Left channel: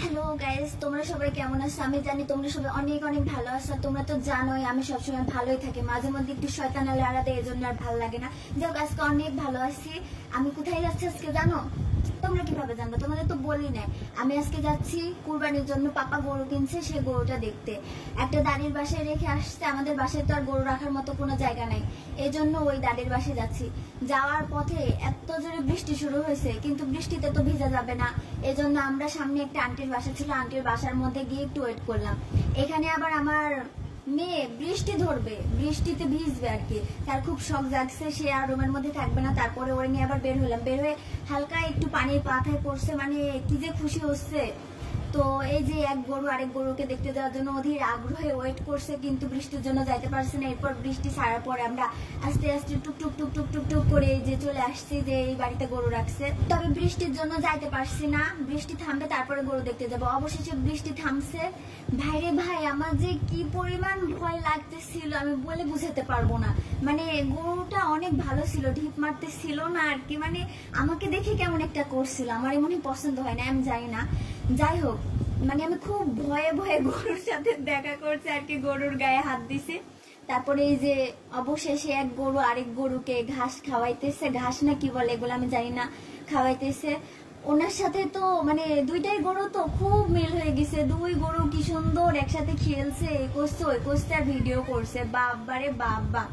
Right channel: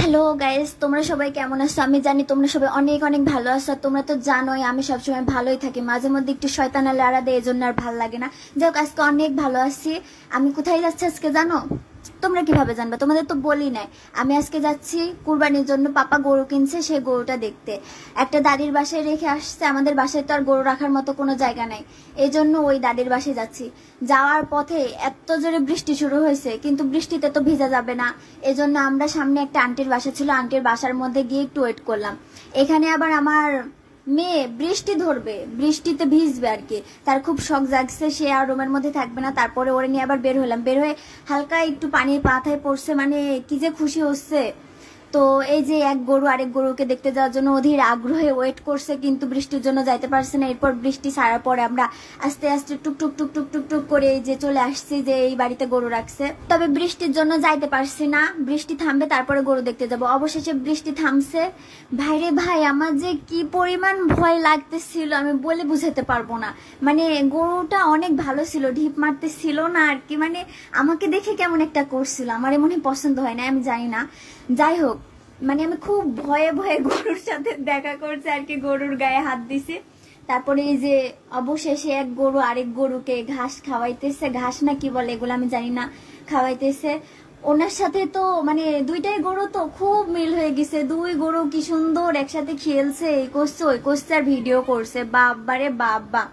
Hello guys, তোমরা সবাই কেমন আছো? আমি জানি তোমরা সবাই অনেক অনেক ভালো আছো। তোমরা তো জানোই আমি সবসময় ভালোই থাকি, মাঝে মধ্যে একটু শয়তানা লাড়া দেয়, এই জন্য আর ভালো লাগে না। যাই হোক, আজকে অনেক ভালো আছি। আমি কোথায় যাচ্ছি আজকে জানো? তোমরা কিভাবে জানবে? তোমাদের তো বলি নাই। আমি আজকে যাচ্ছি কুরবানির জন্য। পাপা গরু কিনছে, সেই গরুটা দেখতে একটা দাদির বাসায় রেখে আসছে। আমাদের বাসায় তো আর গরু রাখার মতো কোনো জায়গা নাই, এই জন্য ওই দাদির বাসায় যাচ্ছি। যাওয়ার পথে এত জোরে বৃষ্টি শুরু হয়েছে, কিন্তু বৃষ্টিতে তো ভিজা যাবে না, এই জন্য আমরা সামনে একটা আন্টির বাসা ছিল, আন্টির বাসার মধ্যে গিয়ে একটু ওয়েট করলাম। এখানে আবার আমার মেয়ে বৃষ্টি ধরবে, বৃষ্টিতে ভিজবে আর কি, তার খুব শখ জাগছে, সে আর রুমের মধ্যে থাকবে না। তারপরে ওরে নিয়ে আবার বের হলাম, বের হয়ে হালকা একটু পানির পাথায় পড়ছে, মানে কি যে খুশি হচ্ছে। তো এই যে এক গরু আরেক গরুকে দেখতে যাওয়ার জন্য অধীর আগ্রহে ওয়েট করছে, কিন্তু বৃষ্টির জন্য যাইতে পারছে না। এরপর বৃষ্টি ছাড়ার পরে আমরা আস্তে আস্তে টুকটুক টুকটুক টুকটুক করে এই যে চলে আসছি যে এই বাড়িতে গরু রাখছে। তবে বৃষ্টির জন্য যাইতে পারছি না, বৃষ্টি থামবে তারপরে গরু দেখতে যাব। অবশেষে বৃষ্টি থামছে। ভাইরে ভাই, আমার যে কি পরিমাণ ভয় লাগতেছিল আমি বলে বুঝাতে পারবো না। মানে গরুটা অনেক ভালো ছিল, ঢিপ মারতেছিল না আর কি, মানে আমাকে দেখে কেমন একটা করছিল, আমার মনে পছন্দ হয় না, আমি জানি না। যাই হোক, মানে আমি খুব ভয়ে ভয়ে গরুর সাথে দেখা করছি আর কি, গরুর গায়ে হাত দিছে। তারপরে এই যে অবশেষে এক গরু আরেক গরুকে ঘাস খাওয়াইতেছে, ঘাস না কি বলে এগুলো আমি জানি না, খাওয়াইতেছে। ওনার সাথে তো মানে দুইটাই গরু তো খুব মিল হয়ে গেছে, দুই গরু কি সুন্দর একসাথে খেলছে, এই করছে ওই করছে আর ভিডিও করছে, বাবারে বাবা।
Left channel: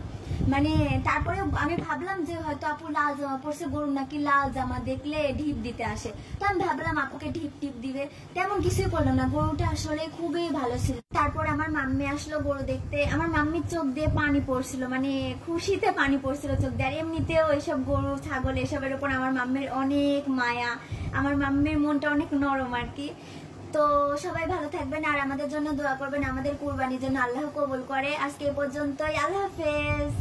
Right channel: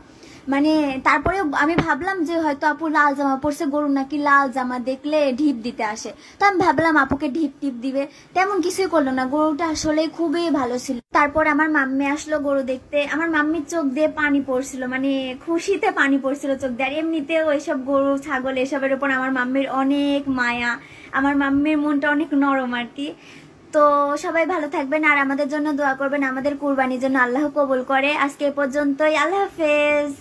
মানে তারপরে আমি ভাবলাম যে হয়তো আপু লাল জামা পরছে, গরু নাকি লাল জামা দেখলে ঢিপ দিতে আসে, তো আমি ভাবলাম আপুকে ঢিপ টিপ দিবে, তেমন কিছুই করলো না। গরুটা আসলে খুবই ভালো ছিল। তারপর আমার মাম্মি আসলো গরু দেখতে, আমার মাম্মির চোখ দিয়ে পানি পড়ছিল, মানে খুশিতে পানি পড়ছিল চোখ দিয়ে। আর এমনিতেও এসব গরু ছাগল এসবের উপর আমার মাম্মির অনেক মায়া, আমার মাম্মির মনটা অনেক নরম আর কি। তো সবাই ভালো থাকবেন আর আমাদের জন্য দোয়া করবেন, আমাদের কুরবানির জন্য আল্লাহ কবুল করে। আজকে এ পর্যন্তই, আল্লাহ হাফেজ।